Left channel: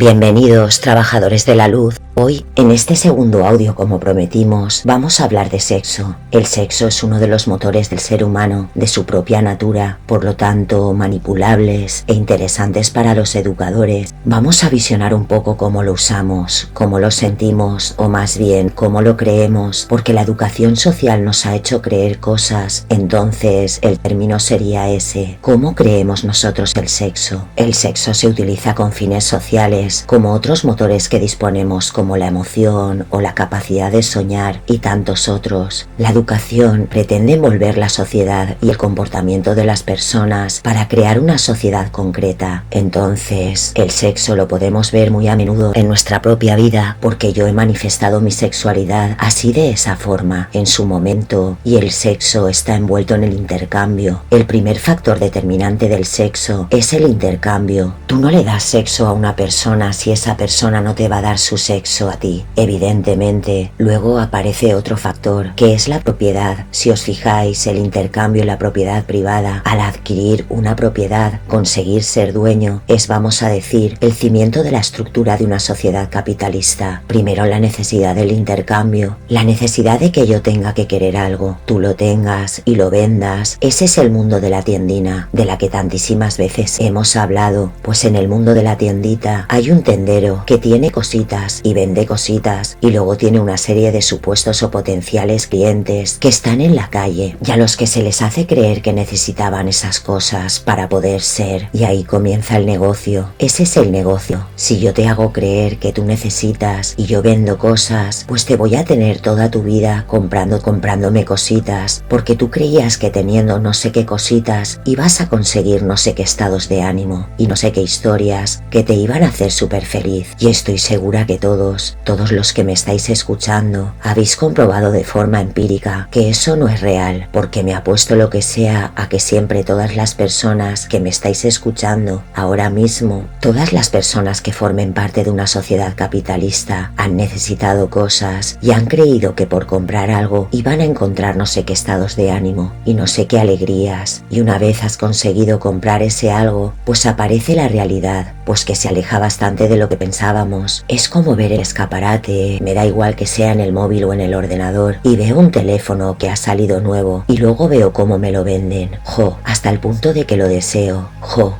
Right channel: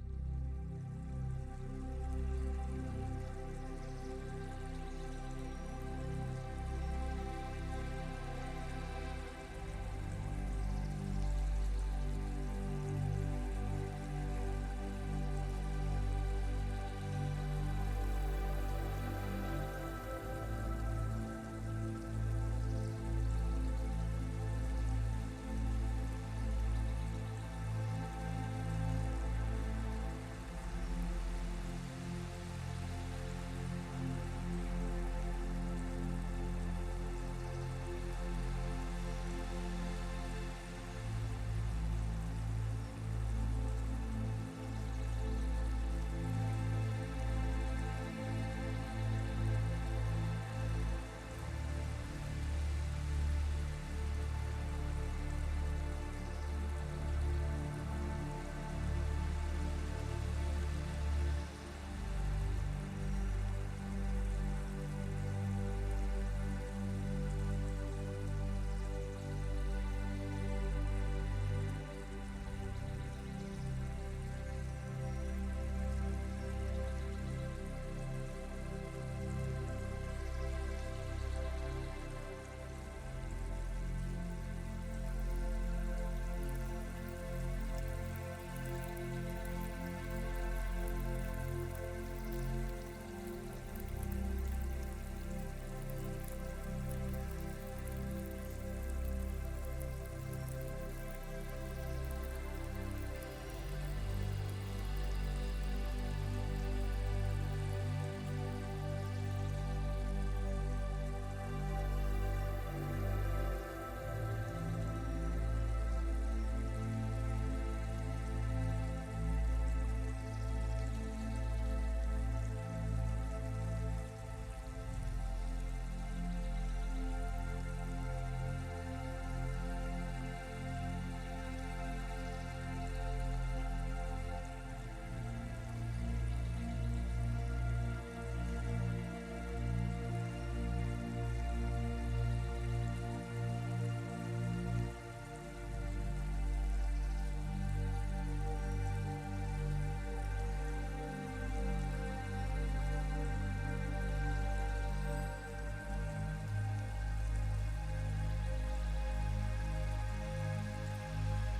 Bienvenidos, trabajadores de la luz. Hoy, en este segundo audio, como prometimos, vamos a hablar de sexo. El sexo es uno de los motores del ser humano, de su propia natura, por lo tanto, manipulables e interesantes para los educadores. Vamos a visionar un poco cómo lo usamos, cómo lo sentimos, o más bien, cómo lo creemos, porque la educación social nos ha hecho creer cosas. Entonces, el término sería ese. ¿Cómo creemos nosotros el sexo? El sexo se utiliza con fines sociales, como otros motores que disponemos, como la emoción o la capacidad de soñar y tantos otros. La educación pretende envolver la sociedad y el comportamiento de las personas para crear una sociedad concreta. Entonces, el sexo lo podemos ver muy a menudo en nuestra propia vida, porque yo he manifestado mi sexualidad así, de esa forma, en su momento, y el sexo está envuelto en el intercambio. El primer factor determinante del sexo es el intercambio. Tú no le das sexo a una persona si esa persona no te va a dar su sexo a ti, evidentemente. Luego aparece otro factor, que es la propiedad. Si os fijáis, el intercambio y la propiedad privada, al adquirir una propiedad, conseguir ser dueño, es, vamos a decir, el cimiento de la estructura de una sociedad capitalista. Primero la necesidad del intercambio, la necesidad de que yo tenga que querer algo, tú lo tengas y lo vendas. Ese es el mundo de la tiendina, de la que tantísimas veces hemos hablado. Pues en el mundo de la tiendita hay un tendero que tiene cositas y vende cositas, y luego tiene una serie de supuestos o potenciales clientes que están en la calle y a los que se les hace creer que necesitaban esas cosas para poder ser, y ahí comienza el negocio. Ese es el negocio. Si yo te hago creer que tú necesitas y yo vendo cosas, pues te voy a tener toda tu vida comprándome cositas, porque tú creías que teniendo no sé qué cositas ibas a conseguir no sé qué estados de ánimo y no sé qué historias que te iban a hacer súper feliz. Y estoy segura que todos los que me estáis escuchando habéis comprobado de forma empírica que eso no es real, porque me apuesto lo que sea a que siempre todas las personas que me estáis escuchando ahora mismo, todas las personas que formen parte de una sociedad capitalista, han necesitado cosas y han creído que por comprar algo iban a encontrar no sé qué estados de ánimo y no sé qué alegrías, y una vez has conseguido comprar ese algo, pues aparece la realidad, pues que se aleja bastante de lo que pensábamos. Es como ver el escaparate, me da igual que sea en el móvil o en el ordenador, y veo un teléfono que ha salido nuevo y luego veo cómo me lo venden, hasta el punto de que lo deseo,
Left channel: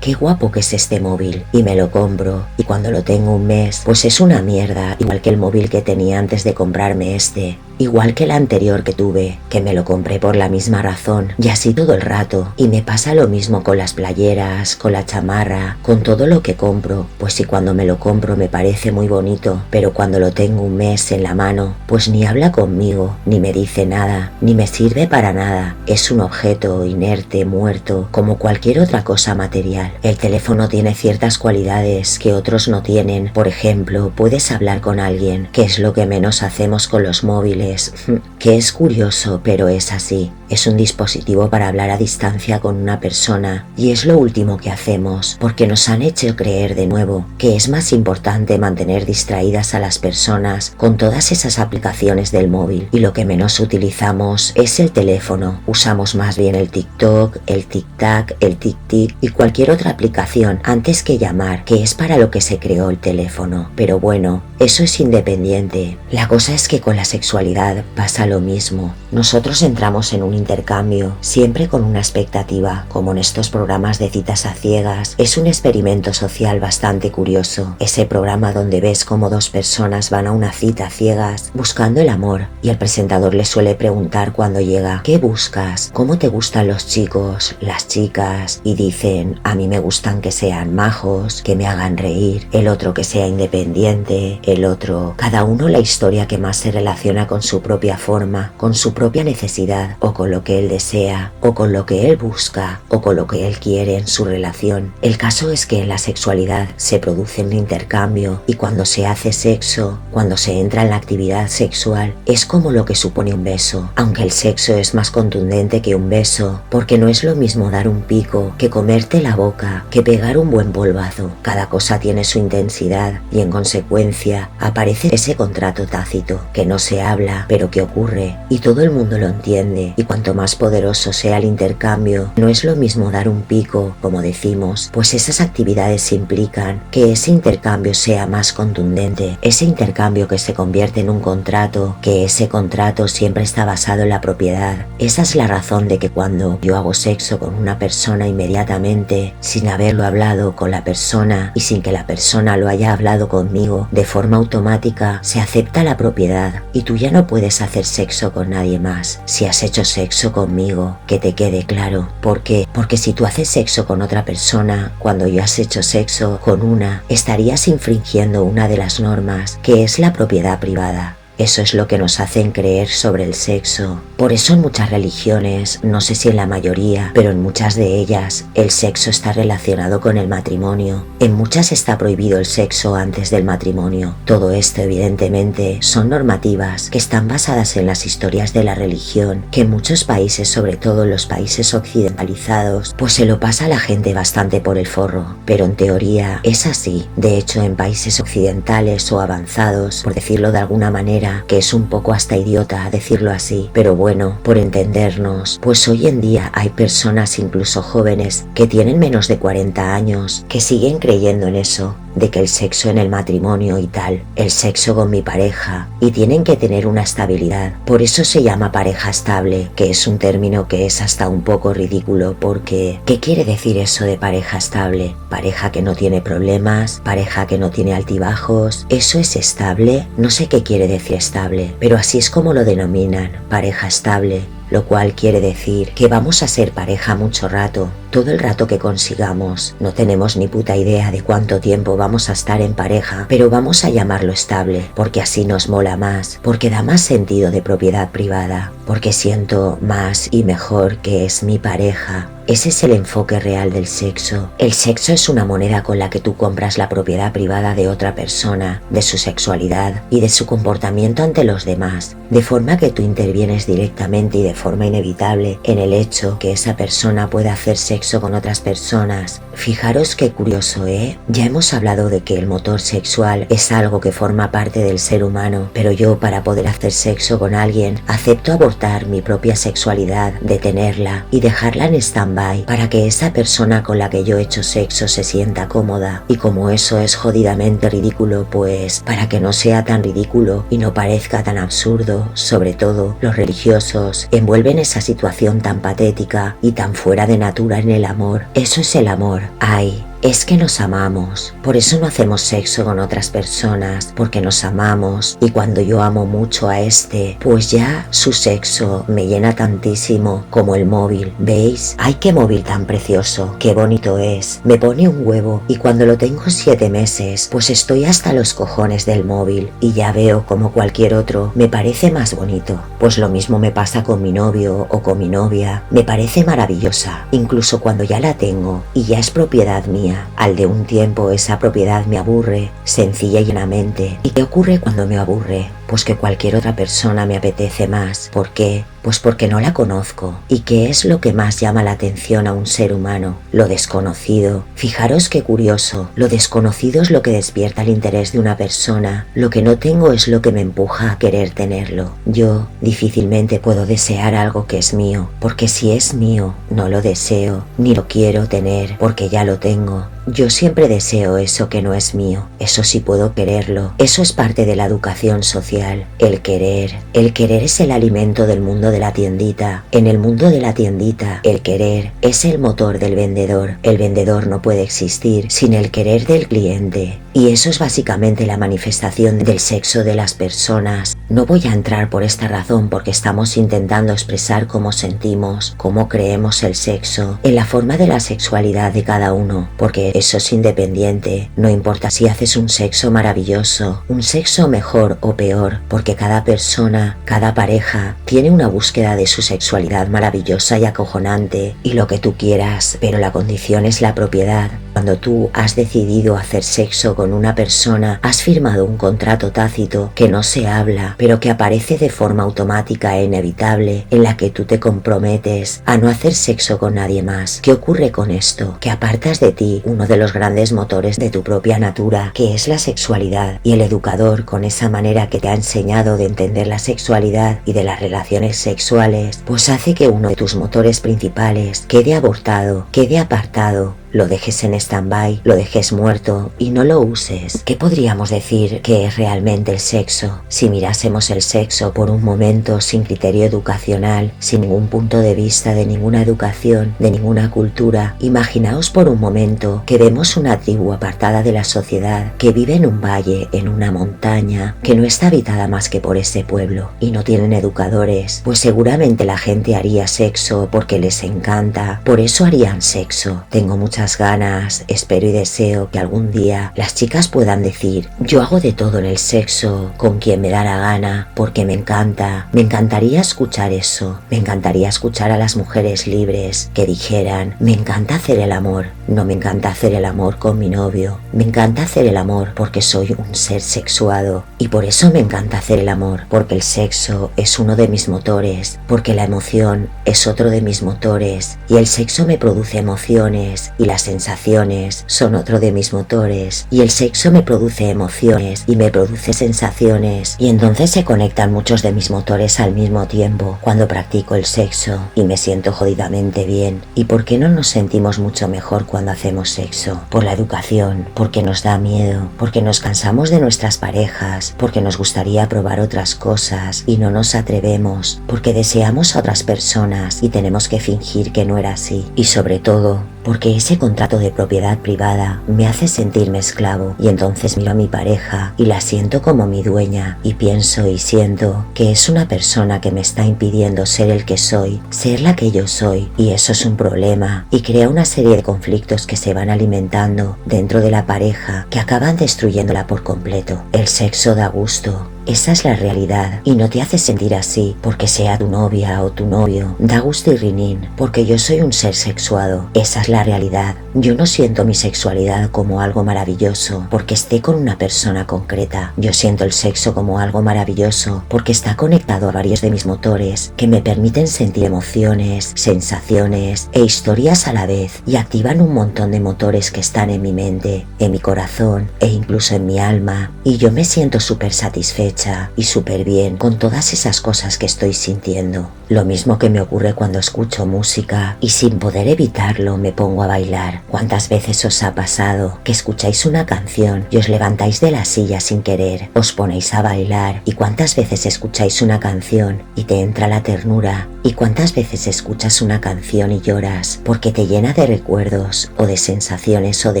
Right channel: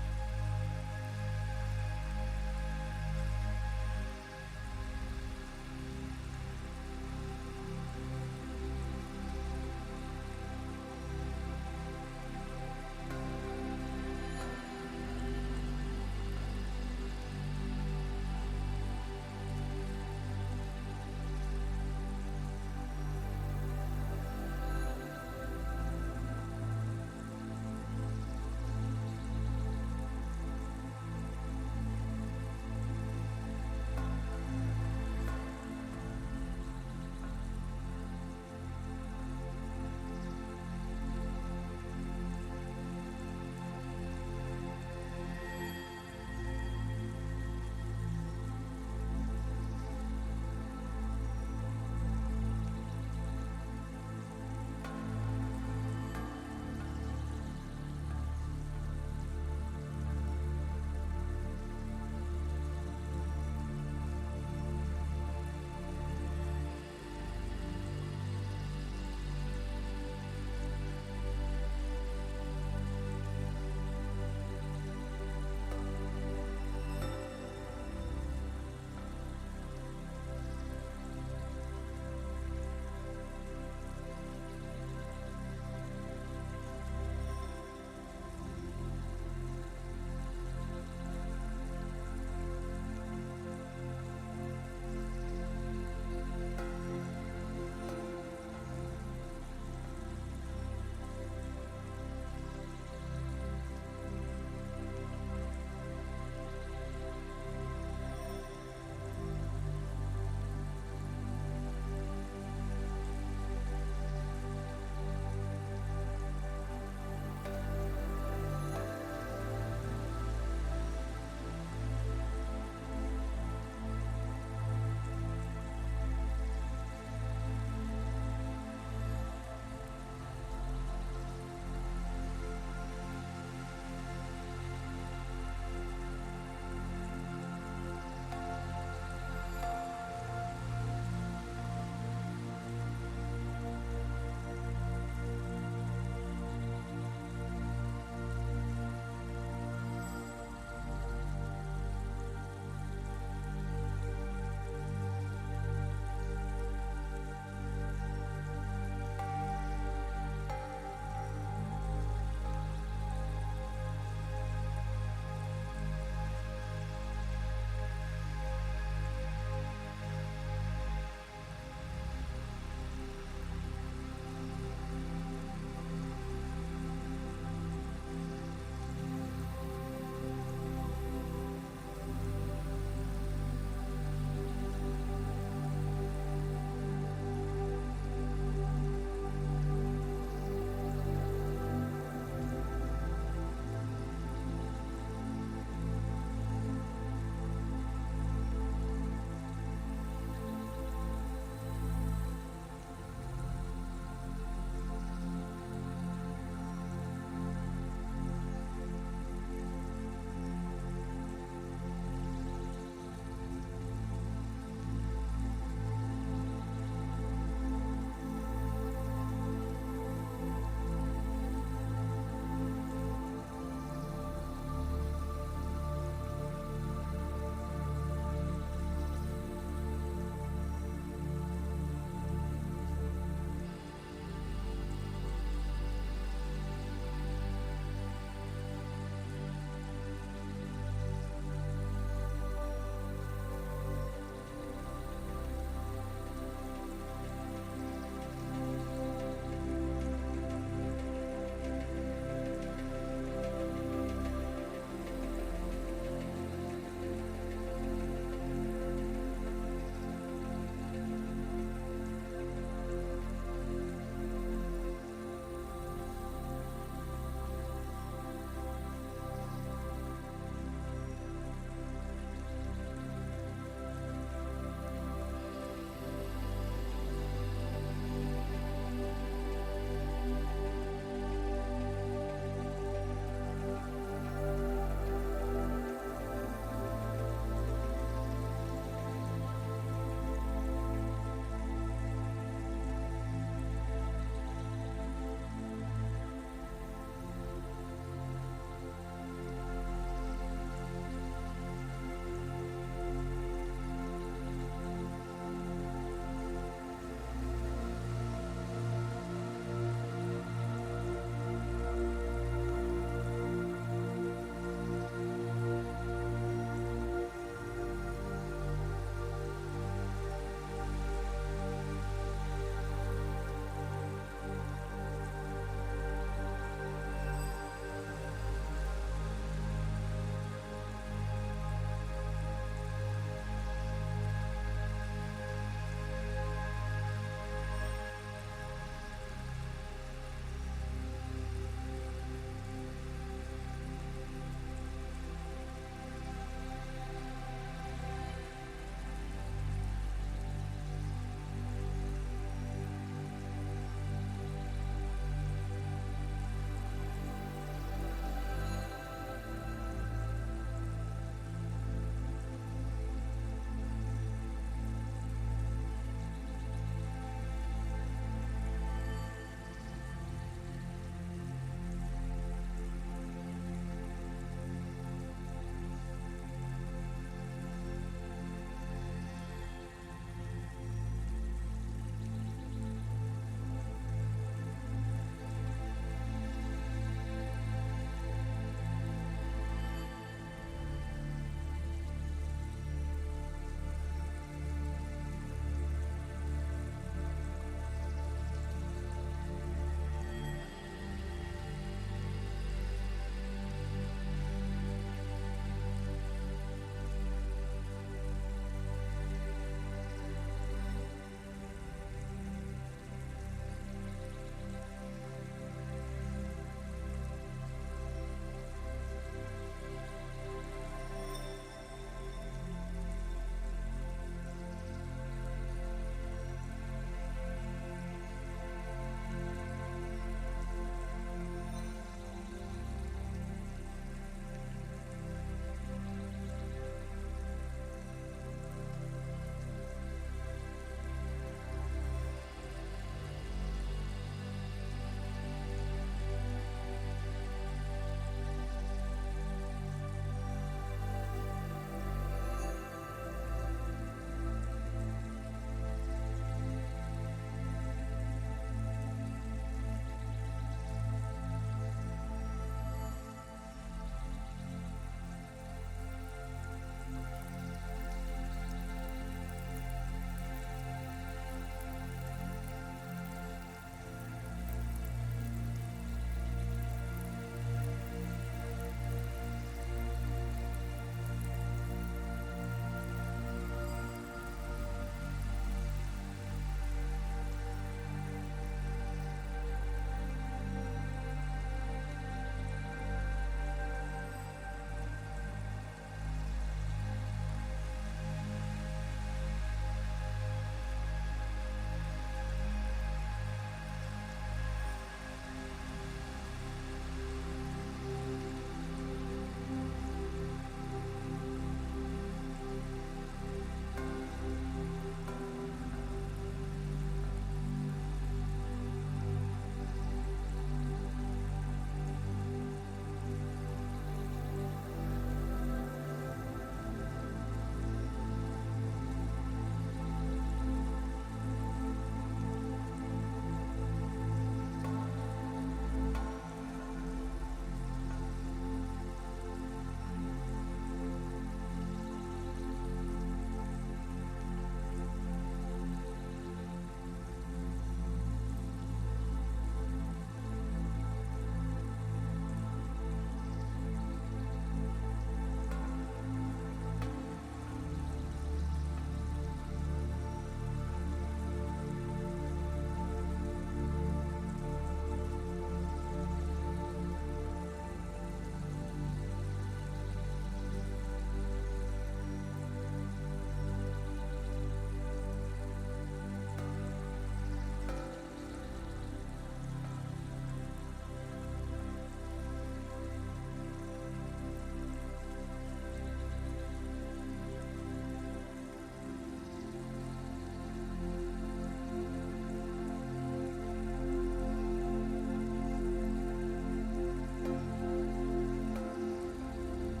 qué guapo que es este móvil, y me lo compro, y cuando lo tengo un mes, pues es una mierda, igual que el móvil que tenía antes de comprarme este, igual que el anterior que tuve, que me lo compré por la misma razón, y así todo el rato. Y me pasa lo mismo con las playeras, con la chamarra, con todo lo que compro. Pues si cuando me lo compro me parece muy bonito, pero cuando lo tengo un mes en la mano, pues ni habla conmigo, ni me dice nada, ni me sirve para nada. Es un objeto inerte, muerto, como cualquier otra cosa material. El teléfono tiene ciertas cualidades que otros no tienen. Por ejemplo, puedes hablar con alguien, que es lo que menos hacemos con los móviles, que es curioso, pero es así. Es un dispositivo para hablar a distancia con una persona, y es lo último que hacemos, porque nos han hecho creer de nuevo que es más importante mantener distraídas a las personas con todas esas aplicaciones del móvil, y lo que menos utilizamos es el teléfono. Usamos más bien el TikTok, el TikTak, el TikTik y cualquier otra aplicación antes que llamar, que es para lo que se creó el teléfono. Pero bueno, eso es independiente. La cosa es que con la sexualidad pasa lo mismo. Nosotros entramos en un intercambio, siempre con una expectativa, como en estos programas de citas a ciegas. Es un experimento social bastante curioso, ese programa donde ves cómo dos personas van a una cita a ciegas buscando el amor, y el presentador les suele preguntar cuando llega: ¿qué buscas? ¿Cómo te gustan los chicos, las chicas? Y dicen: a mí me gustan que sean majos, que me hagan reír, el otro que sea independiente, el otro, cada uno la historia que más se relaciona con su propia forma, con su propia necesidad, o con lo que él desea, o con lo que él busca, o con lo que él quiere en su relación. El caso es que en la sexualidad se produce un intercambio, y cuando se hace sexo, cuando se entra en la actividad sexual, es como lo que supone un beso, aunque el sexo es más contundente que un beso, porque no es lo mismo dar un pico que comerte la boca, que pegar un buen polvazo. Cada cosa tiene su intensidad, y en consecuencia aparece ese contrato tácito, que no se habla, pero que ocurre, y todo el mundo lo entiende. Y cuanto más poderoso sea el intercambio, no es lo mismo dar un pico, como decimos, pues esas actividades implican que ese intercambio sea más contundente, ese intercambio que se convierte en un contrato, que ese contrato siempre está basado en la propiedad. Esa es la razón de que cuando yo hago sexo con una persona inmediatamente, sin haberlo hablado con la persona y sin que la persona lo haya hablado conmigo, de forma automática se acepta la propiedad y tú ya no puedes hacer sexo con nadie más si has hecho sexo conmigo, que te quede claro. ¿Por qué? Porque si tú haces sexo con otra persona cuando ya has hecho sexo con una, estarías infringiendo una de las normas, que es la propiedad privada. Eso es lo que nos hacen creer sobre el sexo. Por eso en muchas religiones, no sé si en la mayoría, pero en muchas de ellas, el sexo está relacionado con el matrimonio. En muchas está prohibido el sexo antes del matrimonio. Todo esto, evidentemente, son normativas que están basadas en las historias de la religión, que en muchos países, sobre todo en los países occidentalizados, pues se lo pasa a la gente bastante por el forro. Pero en teoría es así. De hecho, en países occidentales o avanzados, por decirlo de alguna manera, que es un poco hasta idiota decirlo así, pero bueno, por entendernos, pues hoy en día hay personas, incluso jóvenes, que tienen menos de 40 años, que siguen creyendo en eso, de que el sexo en el matrimonio y tal, el sexo con mi pareja, y tienen que tener una estabilidad. Por eso se llama pareja estable, que es un término que es hasta un poco ridículo, porque ¿qué quiere decir eso de pareja estable? Pareja que no tiene problemas, pareja que no tiene altibajos, ¿eso es estable? No sé qué quiere decir estable, pero así es como lo denominan, pareja estable, lo cual quiere decir que vamos a ser pareja mucho rato, todo el rato que consigamos. No tenemos ni puta idea de cuánto tiempo vamos a estar en pareja, pero vamos a llamarlo estable, porque así nos mola más, porque da más sentido de propiedad privada, porque siento más y mejor que es mi pareja. Ese es el enfoque real del sexo. El sexo es una moneda con la que tú compras la propiedad privada de otra persona, de su sexualidad y de su comportamiento ante los demás, de forma que tú intervienes directamente y de forma inevitable en el hecho que esa persona pueda hacer sexo con otras personas. Fijaros qué curioso, ¿eh? Ya hemos hablado de que el motor sexual es algo que forma parte del ser humano, pero yo, para poder hacer sexo con alguien, acepto abortar mi propia sexualidad, detenerla y dejarla en stand-by para que esa persona con la que yo he hecho sexo se sienta cómoda. Y como eso es jodidamente ridículo, pues para que no sea tan ridículo y no parezca tan absurdo, sobre todo los religiosos envuelven esa situación tan patética y tan fuera de natura en el amor. Eso es el amor. Ay, es que nos amamos, por eso no hacemos sexo con otras personas, porque nos amamos, y cuando yo amo mucho a este, pues ya su sexo me llena tantísimo como el móvil. ¿Veis? ¡Ay, qué móvil tan precioso! ¡Qué bonito es! Me pone un huevo y cuando lo tengo 7 meses, pues estoy hasta los cojones del móvil y ya veo como cualquier otro me parece más bonito. Pues lo mismo me pasa con mi novio o con mi novia, me parece maravillosa, incluso cuando ya la tengo y ya es propiedad mía. Al de un tiempo esa propiedad me aburre, sencilla y llanamente. ¿Y qué ocurre cuando me aburre? Pues que cualquier otra persona me apetece más. ¿Por qué? Pues porque no la conozco. ¿Y qué es lo que más llama la atención a un ser humano? Lo desconocido. Fijaros qué curioso. Lo desconocido es lo que despierta el interés de una persona. Lo que no tengo es lo que me empuja a querer tenerlo. Yo difícilmente puedo desear algo que es mío, porque si es mío, no lo deseo, ni lo quiero tener, porque ya lo tengo. Yo siempre deseo eso que no es mío, eso sí puedo quererlo. Eso es parte de la educación social, el querer. El querer es el alimento del mundo de la tiendita. En el mundo de la tiendita, el querer es el motor del vendedor. El vendedor no puede existir sin el querer del cliente. Y eso es básicamente la manifestación del sexo de las personas. No voy a entrar por esta razón porque estamos intentando expresar cómo sentimos, cómo creemos el sexo, en la forma de la sexualidad de cada uno, porque eso es independiente. No importa si haces un sexo maravilloso, un sexo mejor o peor, porque cada persona, cada pareja, tiene una búsqueda de su sexualidad maravillosa y acojonante, y lo que tú quieras, pero la condición es la propiedad. Cuando tú has decidido hacer sexo con una persona, has firmado un contrato tácito que no se habla, pero que aparece de forma automática e inevitable, en la que tú te comprometes a no hacer sexo con nadie más. ¿Qué ocurre con esto? Que apartas de ti uno de los grandes motores de tu propia natura, que es la sexualidad, y el educador, con esa manera que te ha enseñado de entender la sexualidad y de las relaciones sexuales, pues hace que uno de tus motores principales quede abortado, quede apartado. lo dejes en stand-by, lo dejes muerto y no lo uses. ¿Qué podríamos decir que es realmente el sexo? Si mirásemos el sexo por un momento sin criterio educacional, sin ningún punto de vista de ninguna educación, de ninguna cultura, imaginaos por un momento que vemos una tribu apartada de la sociedad, que vive en un valle, en una montaña, que no está habitada más que por ese pueblo y no tienen educadores, pues seguramente la gente haría sexo porque les encanta, por eso harían sexo. Tengo muchas ganas, espero y deseo que algún día las chicas puedan decir: yo hago de todo en el sexo, con quien me da la gana, porque me encanta. Me encantaría escuchar eso, me encantaría escuchar a las mujeres libres que dijeran: me encanta hacer el amor, no me encanta hacer el amor con mi novio, me encanta hacer el amor porque soy un ser sexuado y por eso me encanta hacer el amor, porque el sexo es uno de mis motores, porque la emoción es otro de mis motores y el sexo me produce emociones y las sensaciones son otro de mis motores y el sexo me produce emociones y me produce sensaciones y entonces se conectan muchos de mis motores al mismo tiempo cuando practico el sexo y me siento jodidamente bien. ¿Y por qué no nos sentimos mucho mejor cuando hacemos sexo? Por la educación, porque nos da miedo, porque nos cansamos de nuestras parejas, porque nos gustaría probar otras cosas y no nos atrevemos, porque deseamos a otras personas y tenemos que fingir que no era así y sobre todo porque ese contrato de propiedad privada me hace sentirme esclavo y entonces miro a mi pareja y la siento como mi dueña y pienso y siento que es una persona que me está impidiendo ser el que soy, ser la que yo soy y eso es un problema y crea una serie de conflictos que se van alimentando dentro de la pareja que acaban destruyéndola por completo. El sexo da gusto. Esa es la realidad y no te hace sentir así porque sea tu novia o tu novio. Da gusto y rinín porque yo soy un ser sexuado. Esa es la realidad. Yo no siento mi sexualidad como algo maravilloso porque esté con una persona concreta. Yo siento el sexo como algo maravilloso porque está conectado a varios de mis motores que me permiten sentir emociones, sensaciones e historias a la vez y activan un montón de motores que están en mi mente, en mi corazón e incluso en mi alma y yo me siento súper satisfecha y súper bien con todas esas cosas que estoy sintiendo. Lo mismo que me ocurre cuando escucho música y sin poder evitarlo me pongo a bailar. ¿Cuántas veces os ha pasado que escucháis una canción y os levantáis de la silla sin querer, os ponéis a bailar? ¿Y cuántas veces escucháis una canción y te entra la ternura? ¿Y cuántas veces escuchas una canción y lloras porque te llena de recuerdos o de sensaciones o de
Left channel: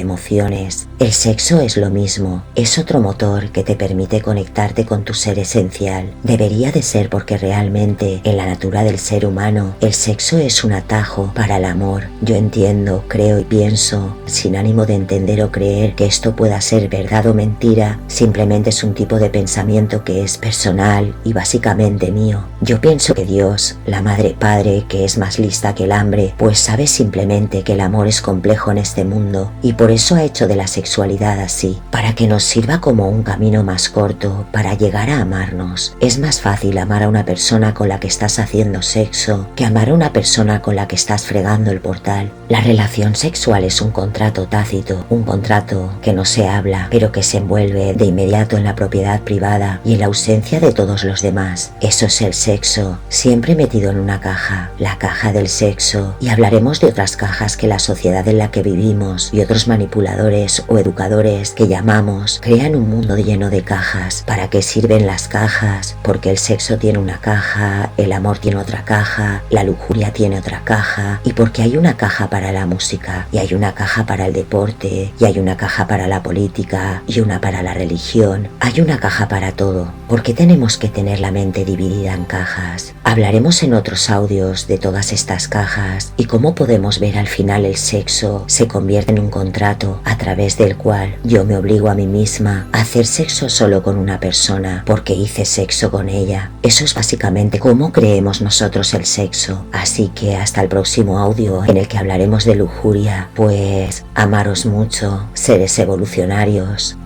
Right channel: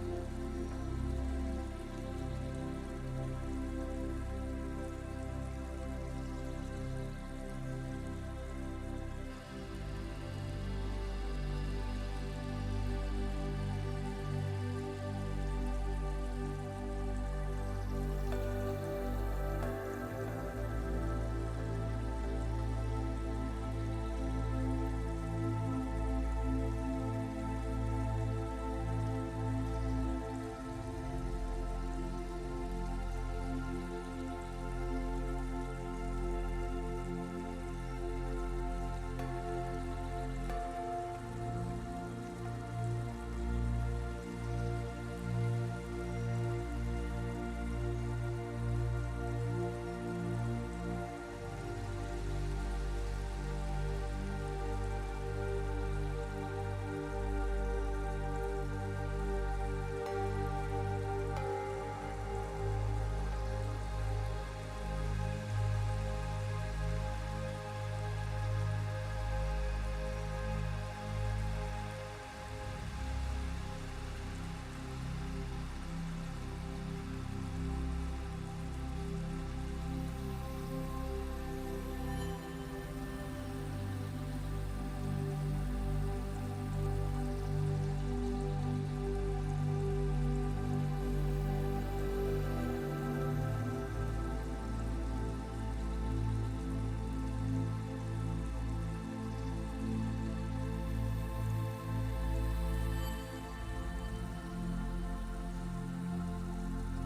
emociones? El sexo es lo mismo, es otro motor que te permite conectarte con tu ser esencial. Debería de ser porque realmente en la natura del ser humano el sexo es un atajo para el amor. Yo entiendo, creo y pienso, sin ánimo de entender o creer que esto pueda ser verdad o mentira, simplemente es un tipo de pensamiento que es personal y básicamente mío. Yo pienso que Dios, la Madre Padre, que es más lista que el hambre, pues sabe simplemente que el amor es complejo en este mundo y por eso ha hecho de la sexualidad así, para que nos sirva como un camino más corto para llegar a amarnos. Es más fácil amar a una persona con la que estás haciendo sexo que amar a una persona con la que estás fregando el portal. La relación sexual es un contrato tácito, un contrato que no se habla, pero que se envuelve de inmediato en la propiedad privada y en la ausencia de todos los demás. Eso es el sexo, siempre metido en una caja, la caja del sexo, y hablaremos de otras cajas que la sociedad en la que vivimos y otros manipuladores o educadores que llamamos crean un mundo lleno de cajas. ¿Para qué sirven las cajas? Porque el sexo tiene una caja, el amor tiene otra caja, la lujuria tiene otra caja y porque hay una caja para la música y hay una caja para el deporte y hay una caja para la política y una para la religión, hay una caja para todo. ¿Por qué tenemos que tener la mente dividida en cajas? Hablaremos en otros audios de todas estas cajas y cómo podemos ver al final el sexo se convierte en un contrato a través del cual yo me obligo a mí misma a hacer sexo solo con una persona porque hice sexo con ella. Eso es básicamente cómo creemos nosotros el sexo. Así que hasta el próximo audio en el que hablaremos de lujuria, pues amaros mucho, seres evolucionarios.